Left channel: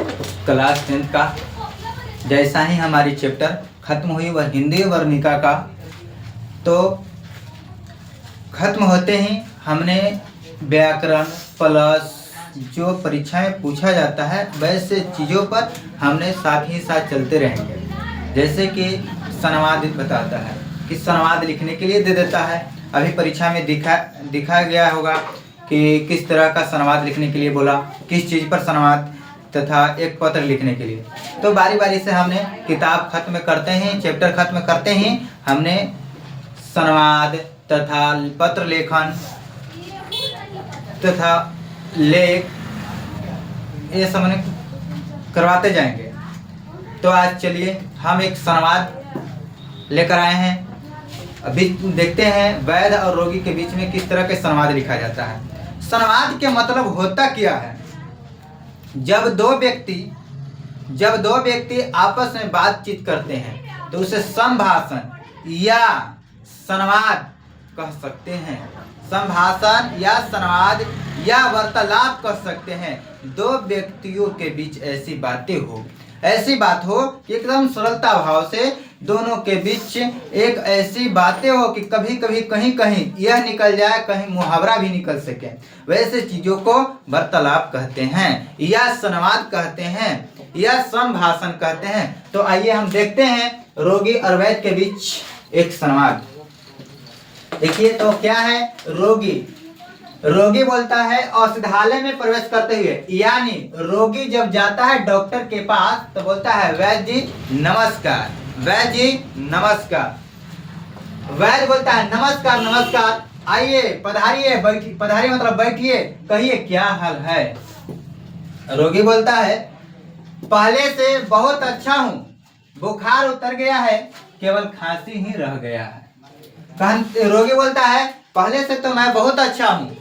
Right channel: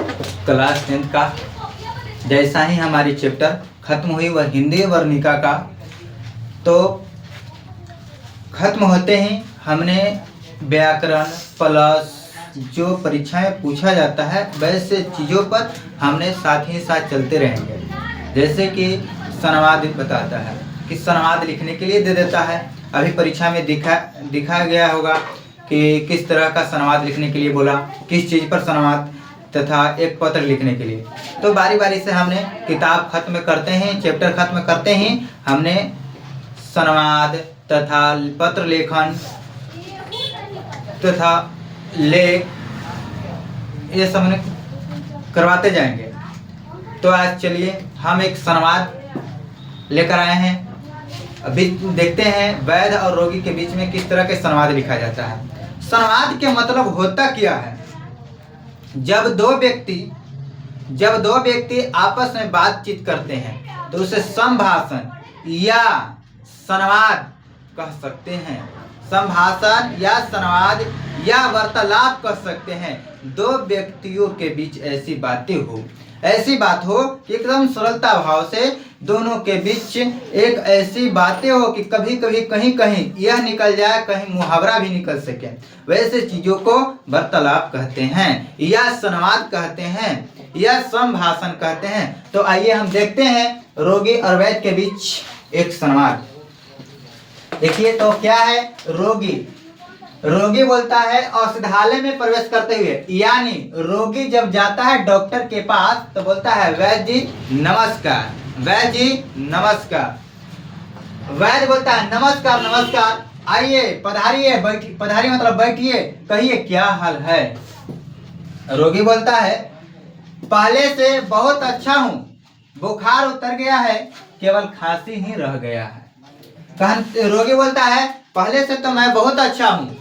Class 10th का। जैसा ही हमारी चैप्टर खत्म हुई वह हिंदी वर्णिका का, तो खत्म होते ही हमने व्याकरण प्लस जो परीक्षाएं पूछा जाता है वैसे चीज़ों पर हमने साथ ही साथ चलते रहेंगे। जैसे कि संवाद बताता है कि संवाद लिखने के लिए दे देता है। अभी परीक्षा में दिखा गया होगा कि किस तरह का संवाद लिखने के लिए बोला, किस चीज़ पर संवाद, तथा एक पत्र लिखने के लिए। तो बारी बारी से हमने किताब खत्म करते हैं, चैप्टर खत्म करते ही हमने संवाद तथा पत्र लेखन तथा लेख ये सब करवाते जाएंगे। तो आज चलिए हम एक संवाद लेकर आए हैं। अभी देखते हैं वैद्य और रोगी के बीच में किस तरह के संवाद लिखा जाता है। संवाद के मतलब होता क्या है? जब दो व्यक्ति आपस में बातचीत करते हैं तो उसे संभाषण या संवाद कह सकते हैं। संभाषण या संवाद या वार्तालाप कह सकते हैं। दो व्यक्तियों के बीच ऐसी बात हो कि एकदम सरलता भाव से दोनों के बीच एक ऐसी बातें हो कि कभी कभी कहीं कहीं यह निकल जाए, कहीं मुहावरा भी निकल सके। वैसे चीज़ों को वार्तालाप कहते हैं या संवाद कहते हैं या संभाषण कहते हैं। तो आइए हम देखते हैं रोगी और वैद्य के बीच एक संवाद। देखिए तो क्या है, रोगी बोलता है औषधालय में प्रवेश करते हुए, यानी रोगी जब जाता है डॉक्टर के पास तो बोलता है वैद्य जी नमस्कार, वैद्य जी नमस्कार। वैद्य बोलता है नमस्कार नमस्कार, आइए पधारिए, पधारिए मतलब बैठिए, कहिए क्या हाल है। रोगी बोलता है पहले से बहुत अच्छा हूँ, बुखार उतर गया है, केवल खांसी ही रह गया है। रोगी बोलता है पहले से तो मैं बहुत अच्छा हूँ,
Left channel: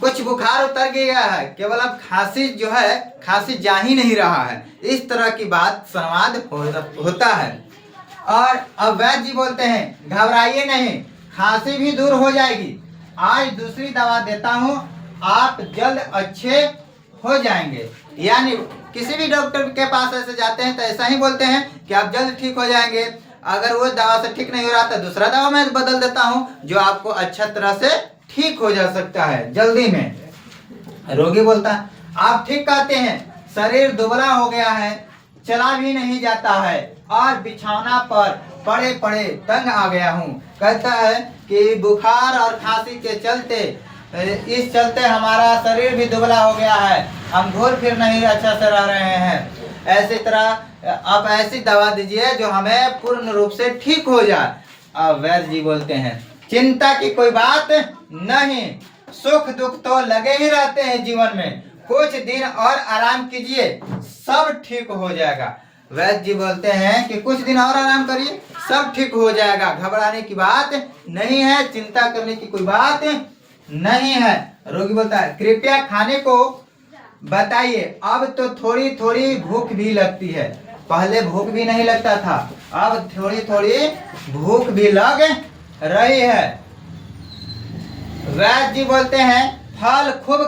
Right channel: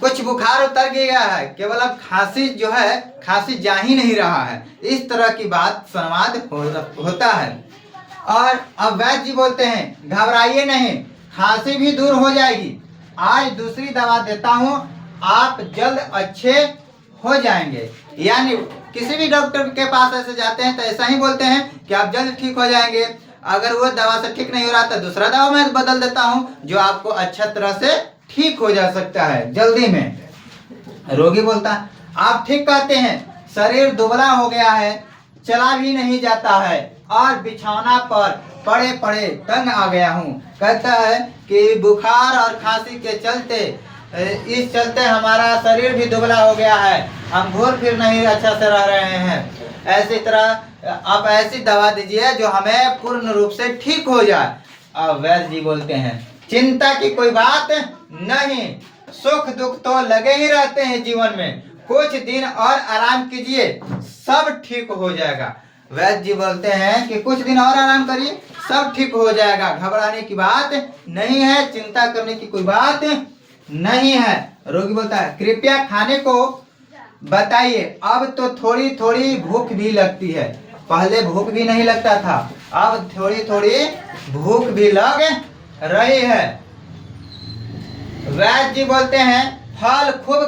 कुछ बुखार उतर गया है, केवल अब खांसी जा ही नहीं रहा है। इस तरह की बात संवाद होता है। और अब वैद्य जी बोलते हैं घबराइए नहीं, खांसी भी दूर हो जाएगी, आज दूसरी दवा देता हूँ, आप जल्द अच्छे हो जाएंगे। यानी किसी भी डॉक्टर के पास ऐसे जाते हैं तो ऐसा ही बोलते हैं कि आप जल्द ठीक हो जाएंगे। अगर वो दवा से ठीक नहीं हो रहा तो दूसरा दवा मैं बदल देता हूँ जो आपको अच्छा तरह से ठीक हो जा सकता है जल्दी में। रोगी बोलता आप ठीक कहते हैं, शरीर दुबला हो गया है, चला भी नहीं जाता है और बिछौना पर पड़े पड़े तंग आ गया हूँ। कहता है कि बुखार और खांसी के चलते हमारा शरीर भी दुबला हो गया है, हम घूर फिर नहीं अच्छा से रह रहे हैं। ऐसी तरह आप ऐसी दवा दीजिए जो हमें पूर्ण रूप से ठीक हो जाए। अब वैद्य जी बोलते हैं चिंता की कोई बात नहीं, सुख दुख तो लगे ही रहते हैं जीवन में, कुछ दिन और आराम कीजिए, सब ठीक हो जाएगा। वैद्य जी बोलते हैं कि कुछ दिन और आराम करिए, सब ठीक हो जाएगा, घबराने की बात नहीं है, चिंता करने की कोई बात नहीं है। रोगी बोलता है कृपया खाने को बताइए, अब तो थोड़ी थोड़ी भूख भी लगती है, पहले भूख भी नहीं लगता था, अब थोड़ी थोड़ी भूख भी लग रही है। वैद्य जी बोलते हैं फल खूब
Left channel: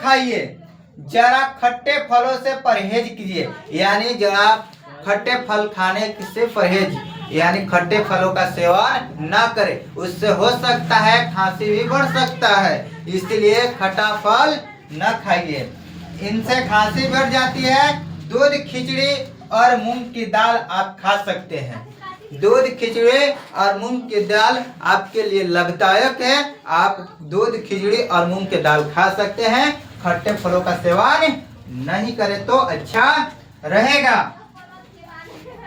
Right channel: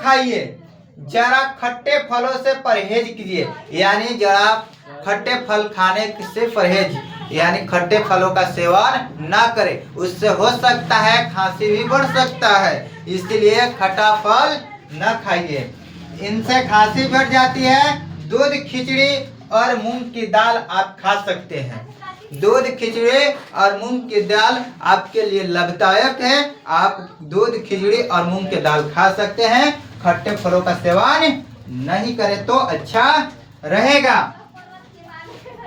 खाइए, जरा खट्टे फलों से परहेज कीजिए। यानी जरा खट्टे फल खाने से परहेज, यानी खट्टे फलों का सेवन ना करें, उससे हो सकता है खांसी भी बढ़ सकता है, इसलिए खट्टा फल न खाइए, इनसे खांसी बढ़ जाती है। दूध खिचड़ी और मूंग की दाल आप खा सकते हैं, दूध खिचड़ी और मूंग की दाल आपके लिए लाभदायक है, आप दूध खिचड़ी और मूंग की दाल खा सकते हैं, खट्टे फलों का सेवन नहीं करें तो अच्छा रहेगा।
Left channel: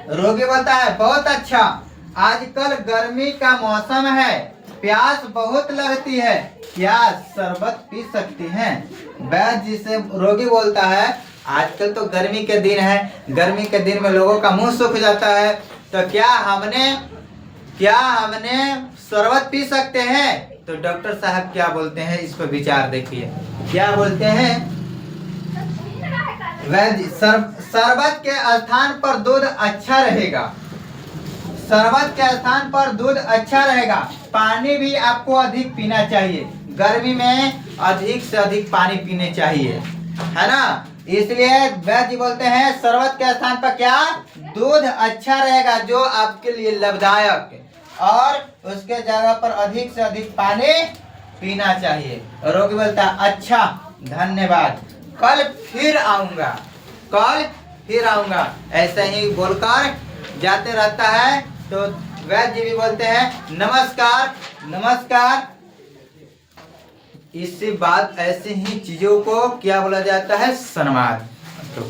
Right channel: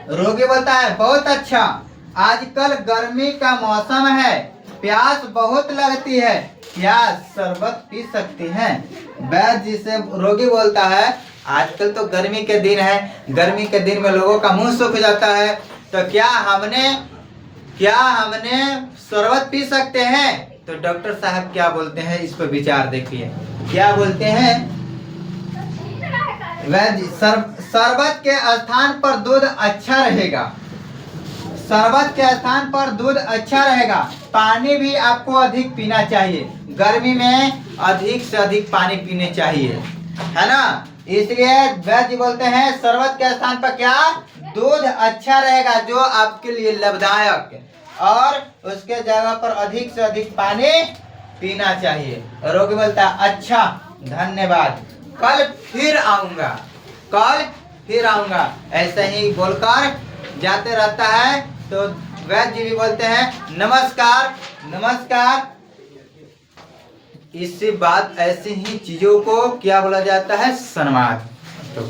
रोगी बोलता है बहुत अच्छा, आजकल गर्मी का मौसम है, प्यास बहुत लगती है, क्या शरबत पी सकती हैं? वैद्य जी से रोगी बोलता है आजकल तो गर्मी के दिन है, गर्मी के दिन में लोगों का मुंह सूख जाता है, तो क्या हमने शरबत पी सकते हैं? तो डॉक्टर साहब क्या बोलते हैं इस पर विचार देखिए, क्या बोलते हैं वैद्य, शरबत के स्थान पर दूध अच्छा रहेगा, शरबत के स्थान पर दूध अच्छा रहेगा, पानी भी आपको अधिक पीना चाहिए, गर्मी में अधिक से अधिक पानी पीने चाहिए। है ना। इसलिए वैद्य जी बोलते हैं शरबत के स्थान पर क्या, दूध अच्छा रहेगा जो आपके लिए लाभदायक, और उसके जगह पर अधिक से अधिक पानी पीना चाहिए। रोगी बोलता है अच्छा धन्यवाद, कल फिर आऊंगा, कल फिर आऊंगा, ऐसे ही बोलकर जाते रहता है। तो वैद्य जी भी बोलते हैं नमस्कार नमस्कार। इसी बात ऐसे ही चीजों को क्या बोला जाता है, संवाद। तो